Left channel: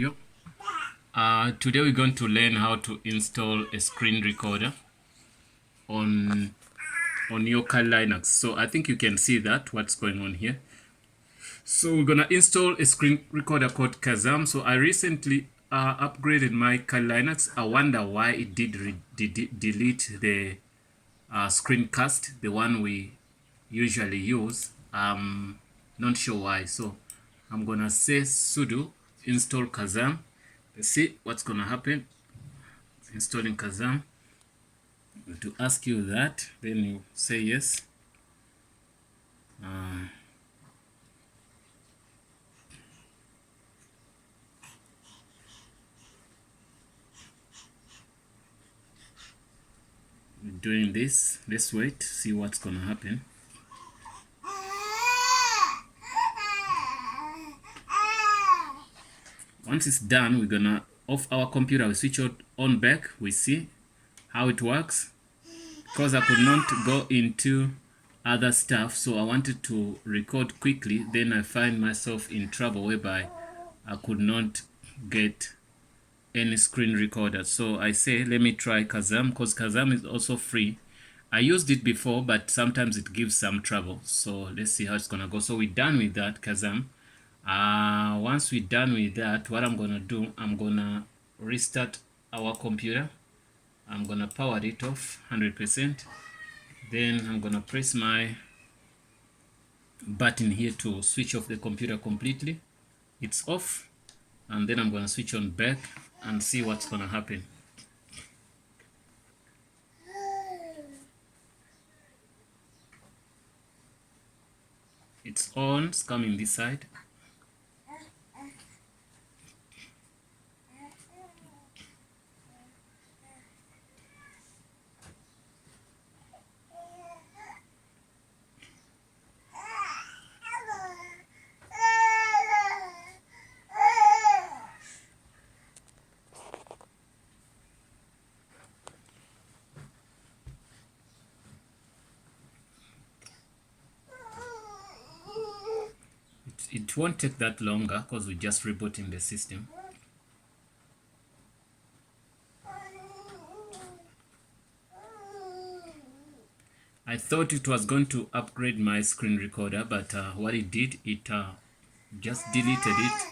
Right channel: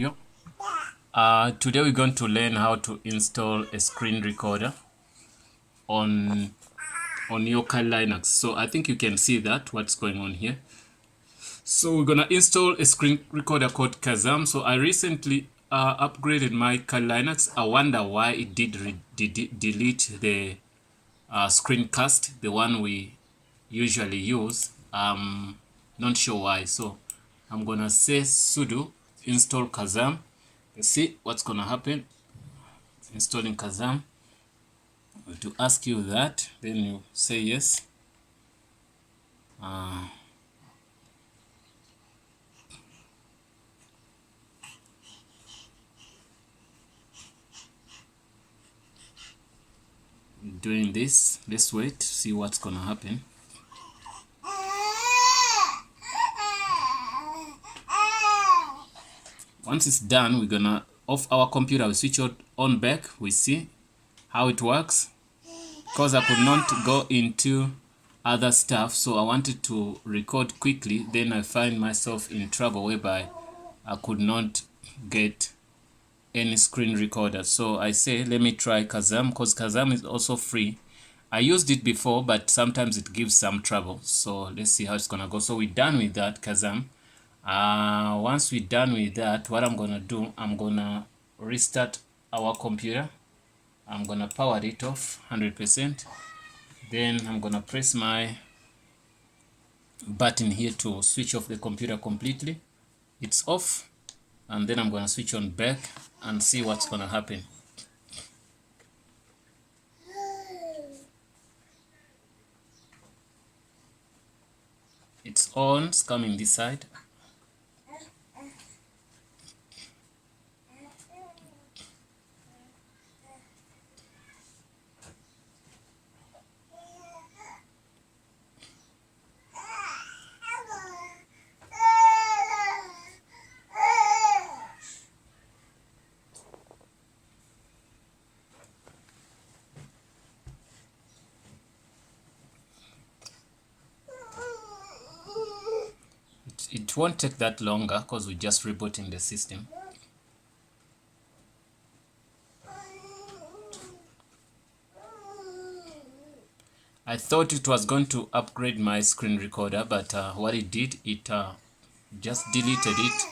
video. Today we're going to learn how to install a screen recorder on your Linux. So I think you can see that what's going on here. So we're gonna install a screen recorder called Kazam. So I recently upgraded my Linux. I wonder why it did delete the screencast, the one we usually use. Not sure why. So I'm gonna say sudo install Kazam. Let's see what's gonna happen. Installing Kazam. To ask you that, then you say yes. Doing this, let's wait, see what's gonna happen. Once it's done, we're gonna off our computer, we switch it on back, we see how it works. Because I could not go into other stuff, so I wanted to record quickly, then I find myself in trouble whereby I could not get any screen recorder. So I say let me try Kazam, because Kazam is also free. I used it before, but sometimes it gives some trouble. So let's see how it's gonna go. So we're done with that Kazam. Once we're done with that, what I'm gonna do, I'm gonna restart our computer. I'm gonna power it off 100%. Then I'm gonna press my button here to switch off the computer completely. It's off, and then I'm gonna switch on back and see what's gonna happen. It's on, it's coming this side. It won't take that longer because we're just rebooting the system. I thought it was going to upgrade my screen recorder, but what it did, it just deleted it.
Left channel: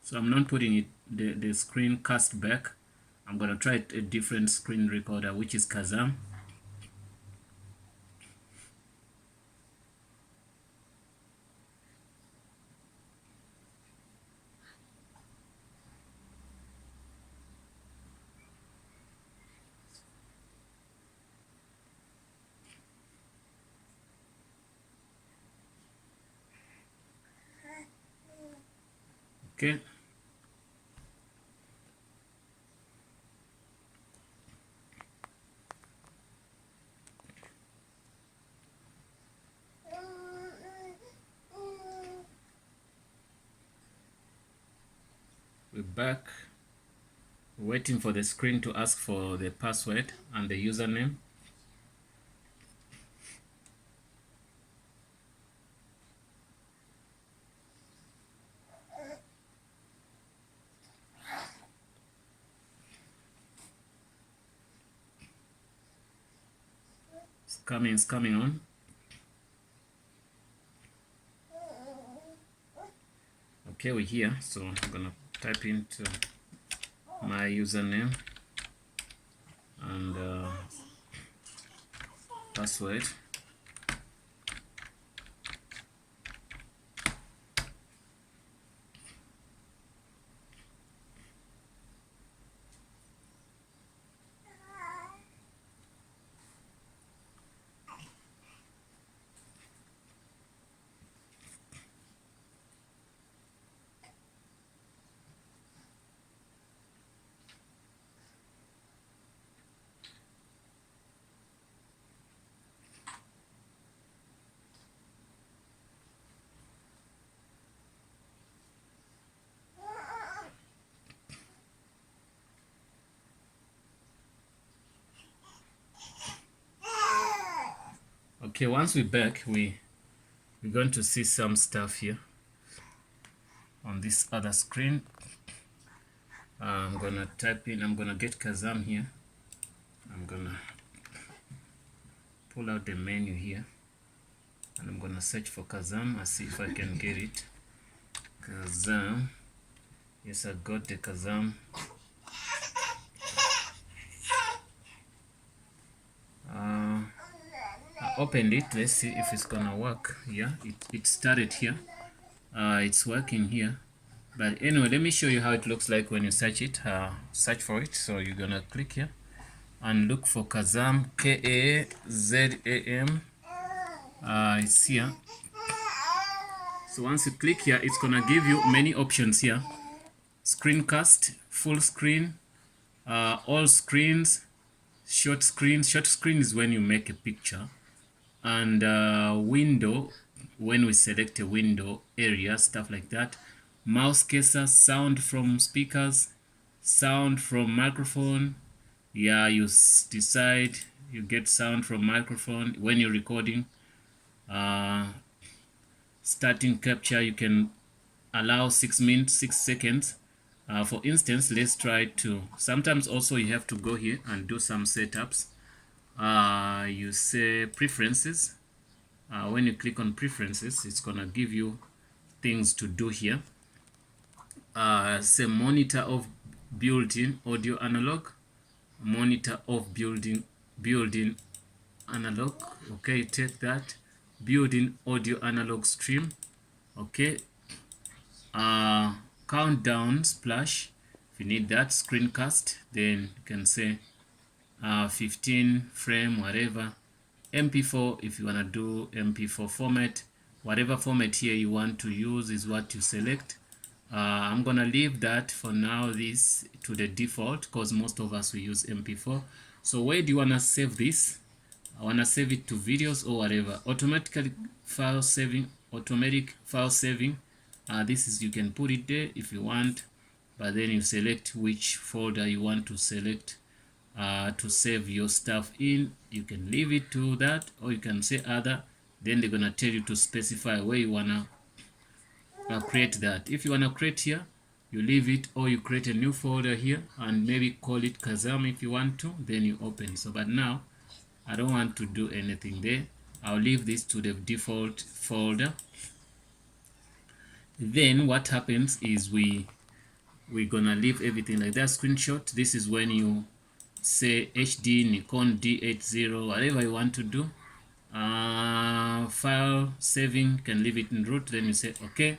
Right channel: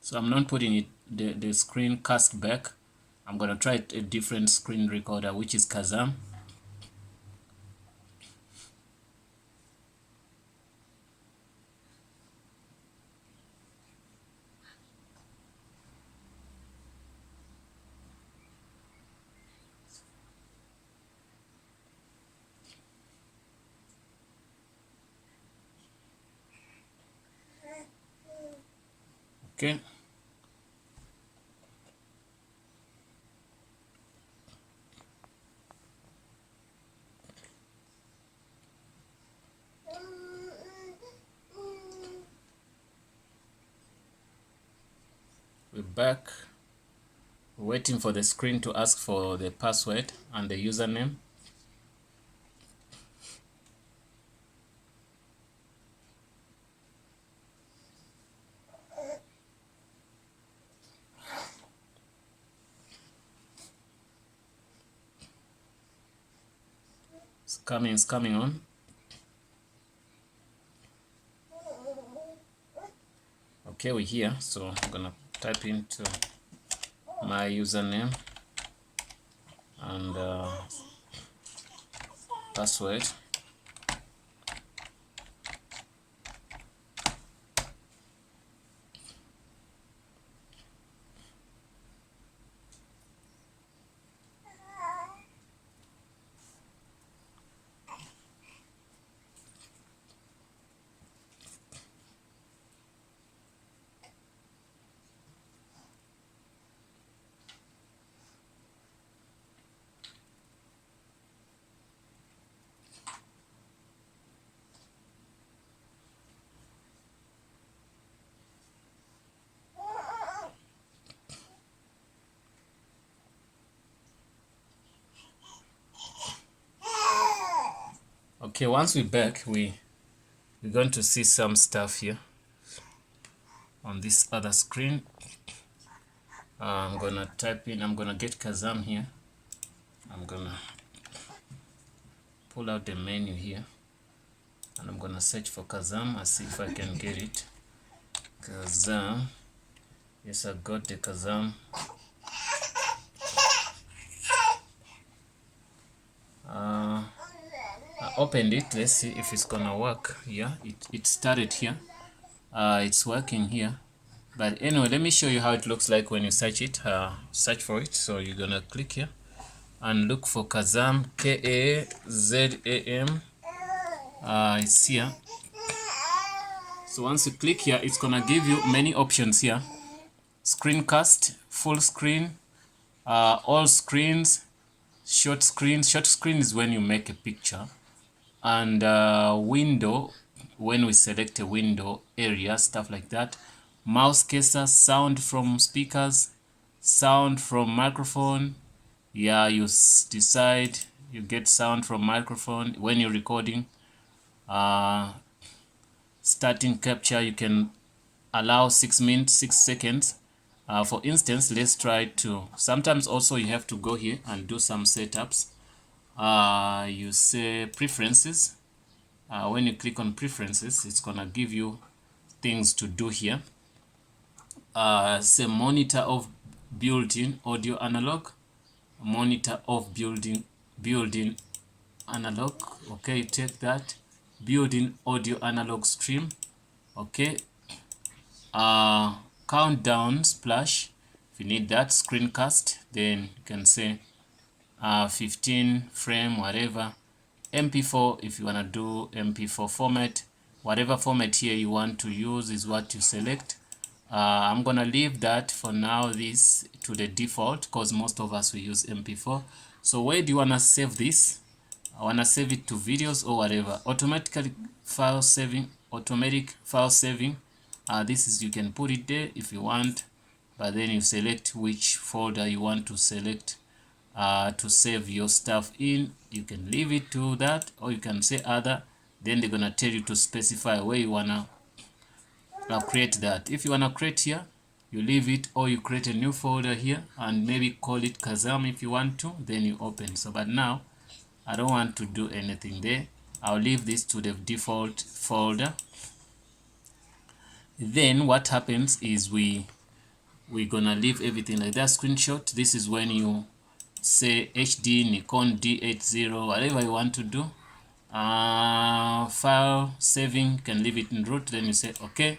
So I'm not putting it the screen cast back. I'm gonna try a different screen recorder, which is Kazam. Okay. We're back. We're waiting for the screen to ask for the password and the username. It's coming on. Okay, we're here, so I'm gonna type into my username and password. Okay, once we're back, we're going to see some stuff here on this other screen. I'm gonna type in, I'm gonna get Kazam here. I'm gonna pull out the menu here and I'm gonna search for Kazam and see if I can get it. Kazam. Yes, I got the Kazam. I opened it. Let's see if it's gonna work. Yeah, it started here. It's working here. But anyway, let me show you how it looks like when you search it. Search for it. So you're gonna click here and look for Kazam, K-A-Z-A-M. It's here. So once you click here, it's gonna give you many options here. Screencast, full screen, all screens, short screen. Short screen is when you make a picture. And window, when we select a window area, stuff like that. Mouse cursor, sound from speakers, sound from microphone. Yeah, you decide, you get sound from microphone when you're recording. Starting capture, you can allow 6 minutes, 6 seconds. For instance, let's try to, sometimes also you have to go here and do some setups. You say preferences. When you click on preferences, it's gonna give you things to do here. Say monitor of built-in audio analog, monitor of built-in analog. Okay, you take that. Built-in audio analog stream. Okay. Countdown splash. If you need that, screencast, then you can say 15 frame, whatever. MP4, if you want to do MP4 format, whatever format here you want to use is what you select. I'm gonna leave that for now, this to the default, because most of us will use MP4. So where do you want to save this? I want to save it to videos or whatever. Automatic file saving. This is, you can put it there if you want, but then you select which folder you want to select to save your stuff in. You can leave it to that, or you can say other. Then they're gonna tell you to specify where you wanna create that. If you wanna create here, you leave it, or you create a new folder here and maybe call it Kazam if you want to, then you open. So but now I don't want to do anything there. I'll leave this to the default folder. Then what happens is we're gonna leave everything like that. Screenshot, this is when you say HD, Nikon D80, whatever you want to do. File saving, can leave it in root, then you say okay.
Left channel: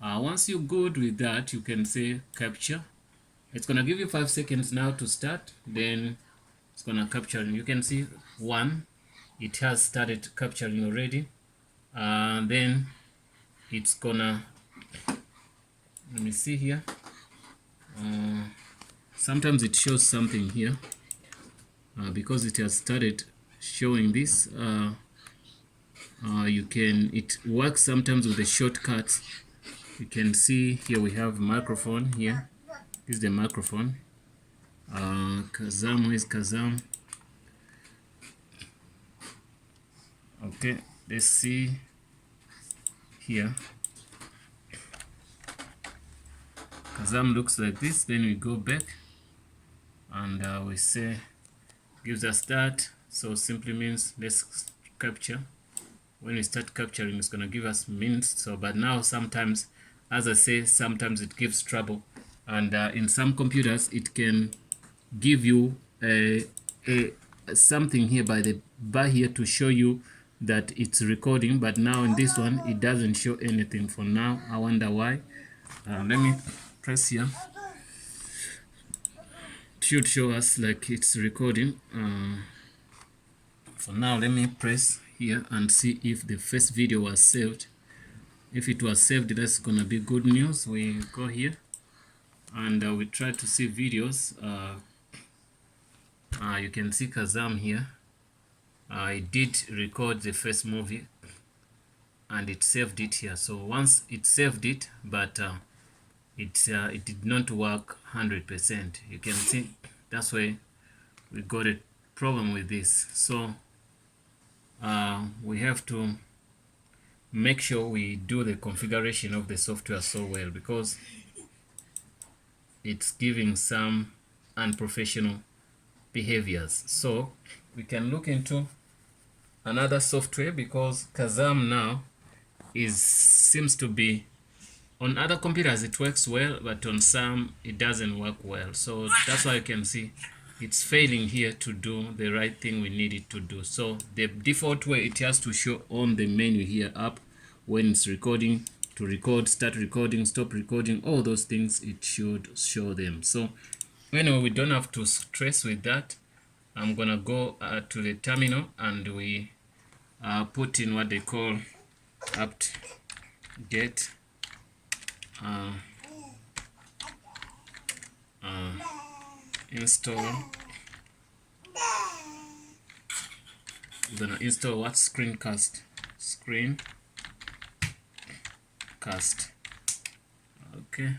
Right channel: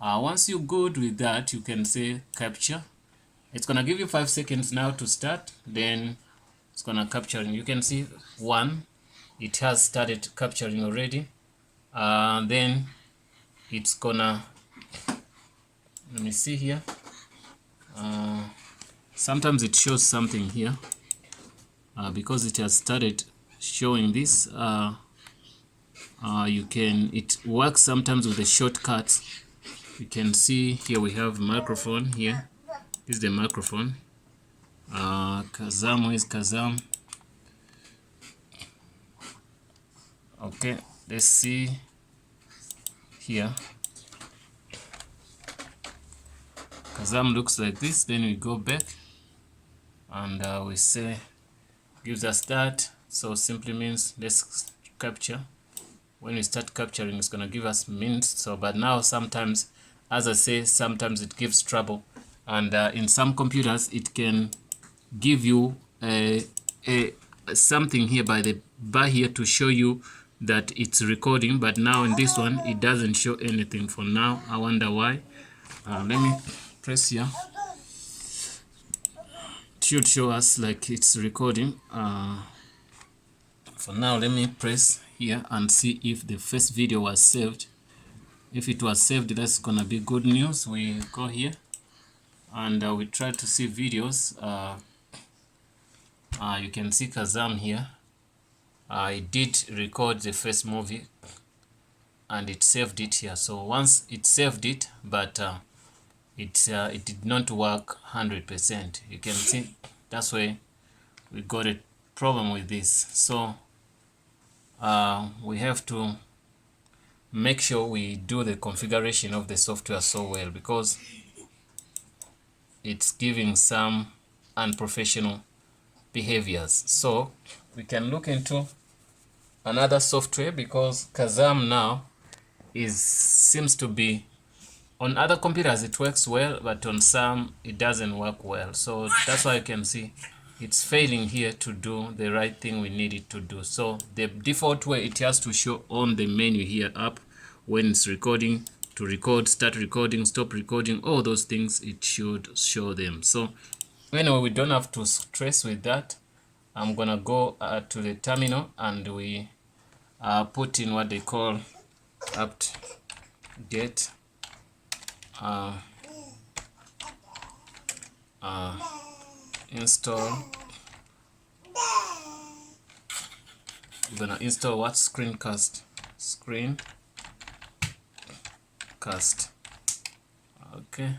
Once you're good with that, you can say capture. It's gonna give you 5 seconds now to start, then it's gonna capture, and you can see one, it has started capturing already. Then it's gonna, let me see here. Sometimes it shows something here because it has started showing this. It works sometimes with the shortcuts. You can see here we have microphone here. This is the microphone. Kazam, where is Kazam? Okay, let's see here. Kazam looks like this. Then we go back and we say gives us that. So simply means let's capture. When we start capturing, it's gonna give us minutes. So but now sometimes, as I say, sometimes it gives trouble, and in some computers it can give you something here by the bar here to show you that it's recording, but now in this one it doesn't show anything for now. I wonder why. Let me press here. It should show us like it's recording. For now, let me press here and see if the first video was saved. If it was saved, that's gonna be good news. We go here and we try to see videos. You can see Kazam here. I did record the first movie and it saved it here. So once it saved it, but it did not work 100%. You can see that's why we got a problem with this. So we have to make sure we do the configuration of the software so well, because it's giving some unprofessional behaviors. So we can look into another software, because Kazam now seems to be, on other computers it works well, but on some it doesn't work well. So that's why you can see it's failing here to do the right thing we need it to do. So the default way, it has to show on the menu here up when it's recording, to record, start recording, stop recording, all those things, it should show them. So anyway, we don't have to stress with that. I'm gonna go to the terminal, and we put in what they call apt get install. We're gonna install what? Screencast. Okay.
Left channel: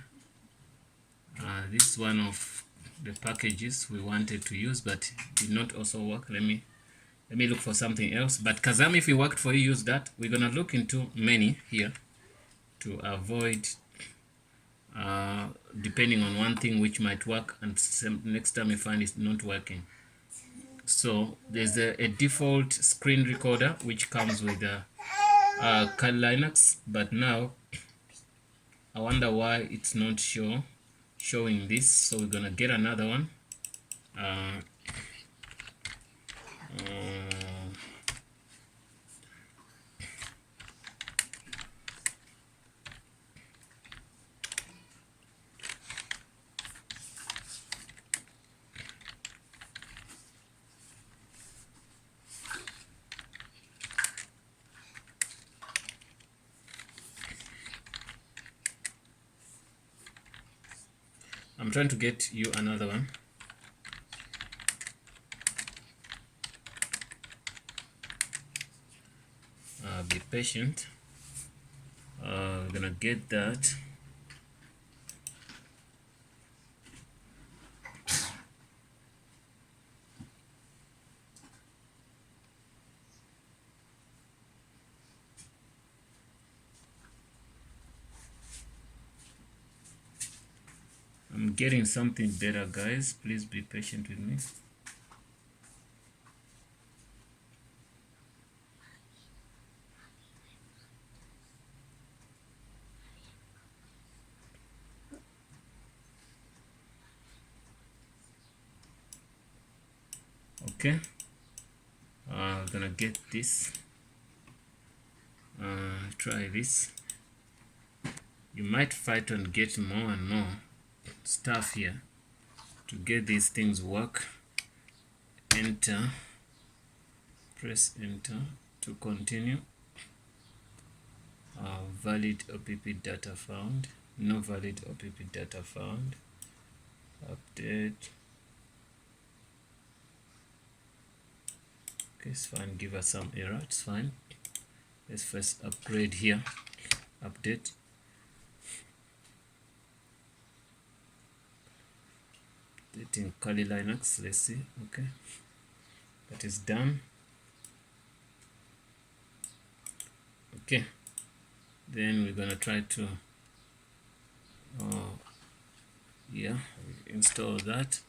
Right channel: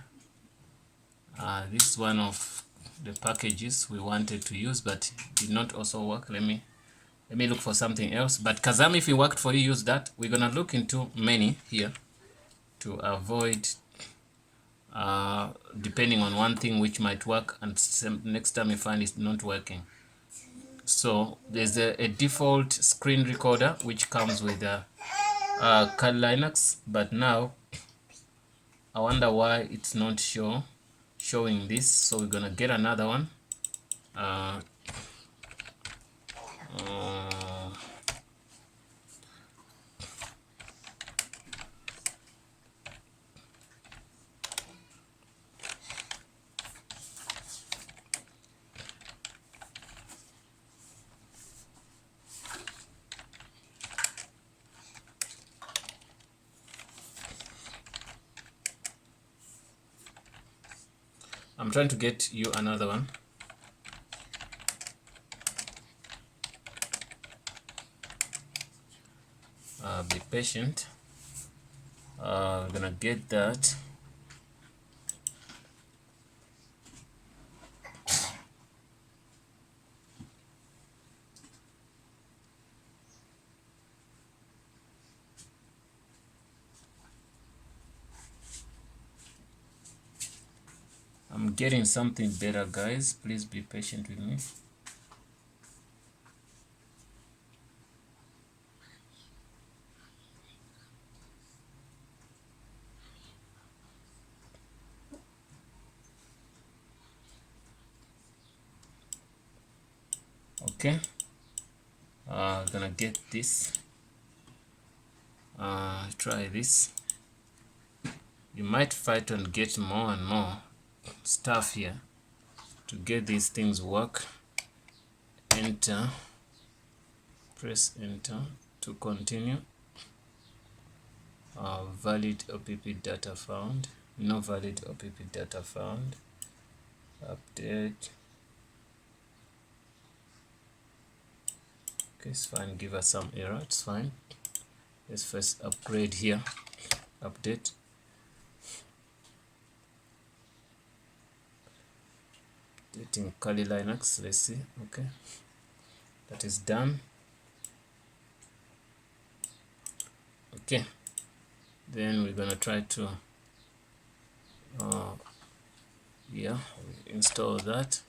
This is one of the packages we wanted to use, but did not also work. Let me look for something else. But Kazam, if it worked for you, use that. We're gonna look into many here to avoid depending on one thing which might work, and next time you find it's not working. So there's a default screen recorder which comes with Kali Linux, but now I wonder why it's not showing this. So we're gonna get another one. I'm trying to get you another one. Be patient. We're gonna get that. I'm getting something better, guys. Please be patient with me. Okay. Gonna get this. Try this. You might fight and get more and more stuff here to get these things work. Enter, press enter to continue. Valid OPP data found, no valid OPP data found. Update. Okay, it's fine. Give us some error, it's fine. Let's first upgrade here. Update. Updating Kali Linux. Let's see. Okay, that is done. Okay, then we're gonna try to yeah, install that.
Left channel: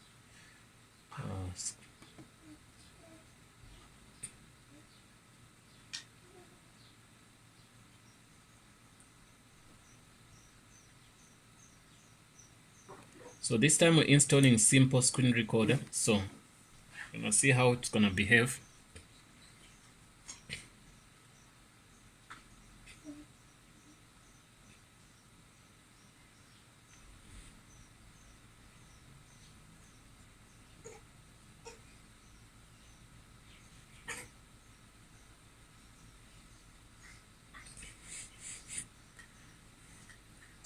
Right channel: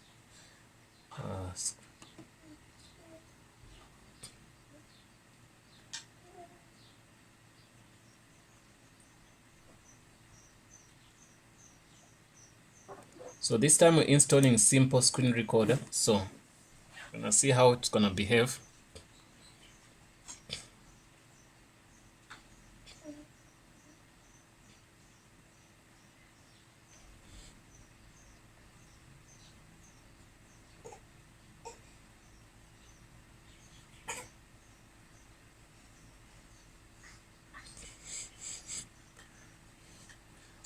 So this time we're installing SimpleScreenRecorder. So we're gonna see how it's gonna behave.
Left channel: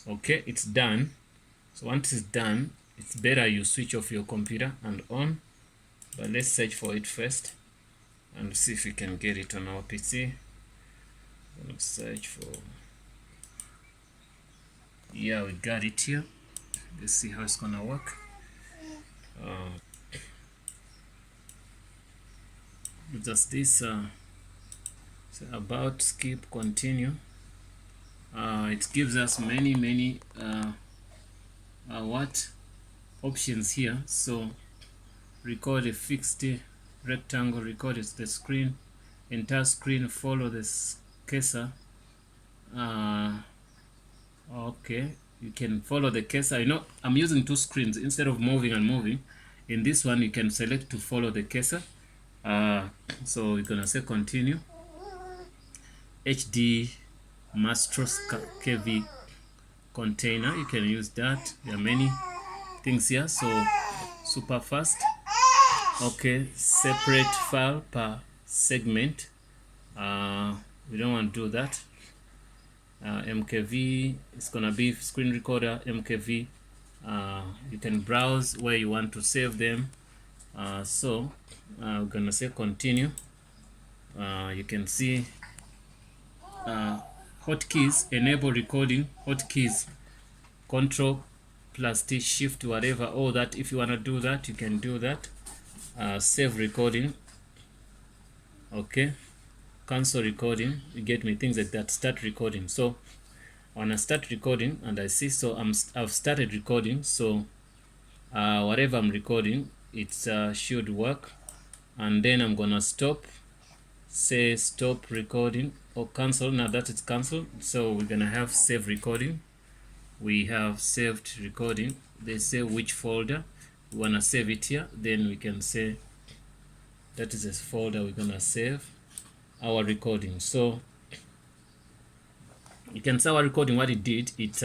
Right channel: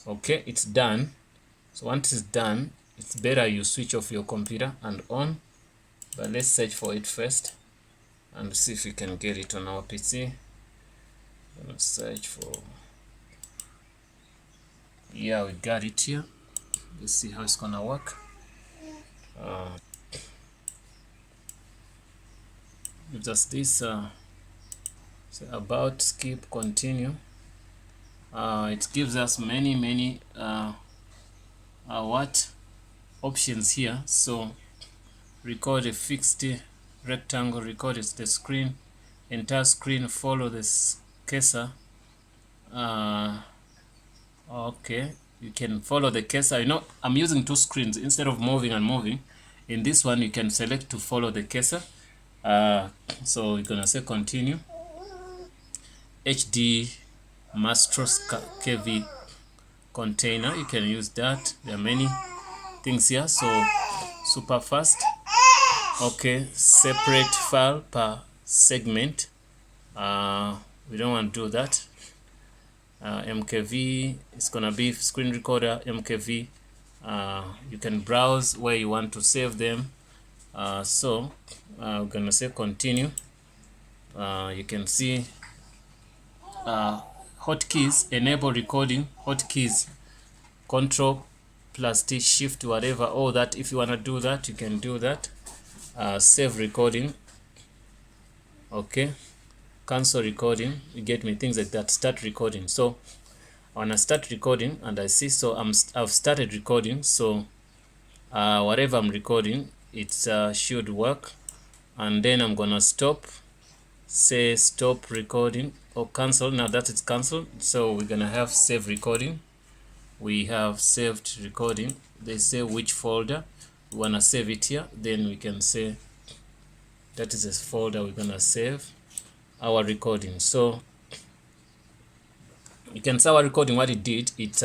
Okay, it's done. So once it's done, it's better you switch off your computer and on. But let's search for it first and see if we can get it on our PC. Let's search for, yeah, we got it here. Let's see how it's gonna work. Gives us this So about, skip, continue. It gives us many what options here. So record a fixed rectangle, record is the screen, entire screen, follow this cursor. Okay, you can follow the cursor. You know, I'm using two screens instead of moving and moving. In this one, you can select to follow the cursor. So we're gonna say continue. HD Mastros KV container, you can use that. There are many things here, so super fast. Okay, separate file per segment. We don't want to do that. MKV is gonna be screen recorder MKV. You can browse where you want to save them. So we're gonna say continue. You can see hotkeys, enable recording, hotkeys, Ctrl plus T, Shift, whatever, all that. If you want to do that, you can do that. Save recording. Okay, cancel recording, you get me, things like that. Start recording. So I want to start recording, and I see, so I've started recording. So whatever I'm recording, it should work. And then I'm gonna stop, say stop recording, or cancel. Now that it's canceled, so we're gonna have save recording. We have saved recording. They say which folder we wanna save it here. Then we can say that is a folder we're gonna save our recording. So you can see our recording, what it did, it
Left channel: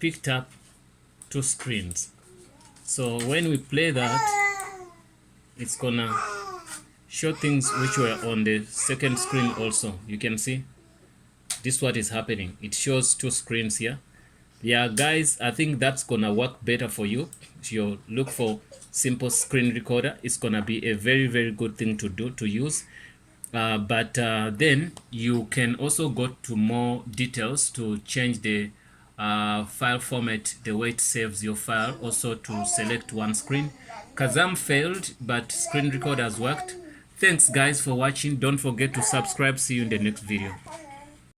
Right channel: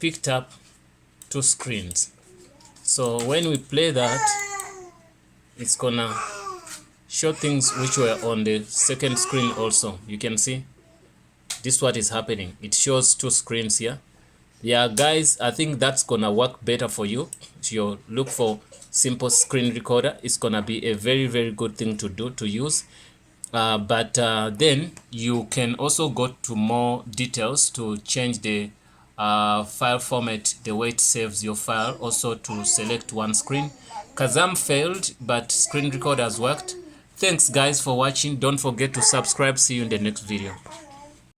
picked up two screens. So when we play that, it's gonna show things which were on the second screen also. You can see this, what is happening. It shows two screens here. Yeah guys, I think that's gonna work better for you. If you look for simple screen recorder, it's gonna be a very good thing to do, to use. But then you can also go to more details to change the file format, the way it saves your file, also to select one screen. Kazam failed, but screen recorder has worked. Thanks guys for watching. Don't forget to subscribe. See you in the next video.